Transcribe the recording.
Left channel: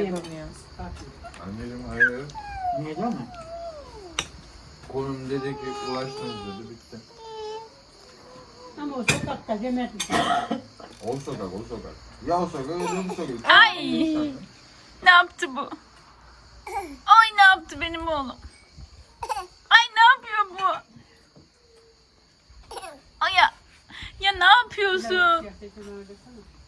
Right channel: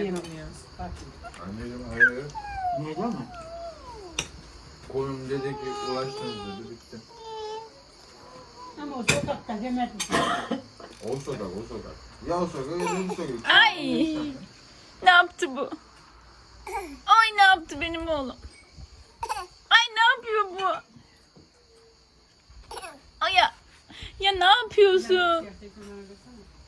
yiyemiyoruz. Anneciğim hayır. Neden mi? Kolun dedi ki ulaştınız dedi bitti. Ama o sokakta demedim. O sokak. Ya o sokak ya bu sokak. Ay! Ne yaptı bu? Ay ne yaptı benim oğlum? Ay ne yapıyor bu? Ay ya ne yapıyorsun? Siyah dedim öyle sana.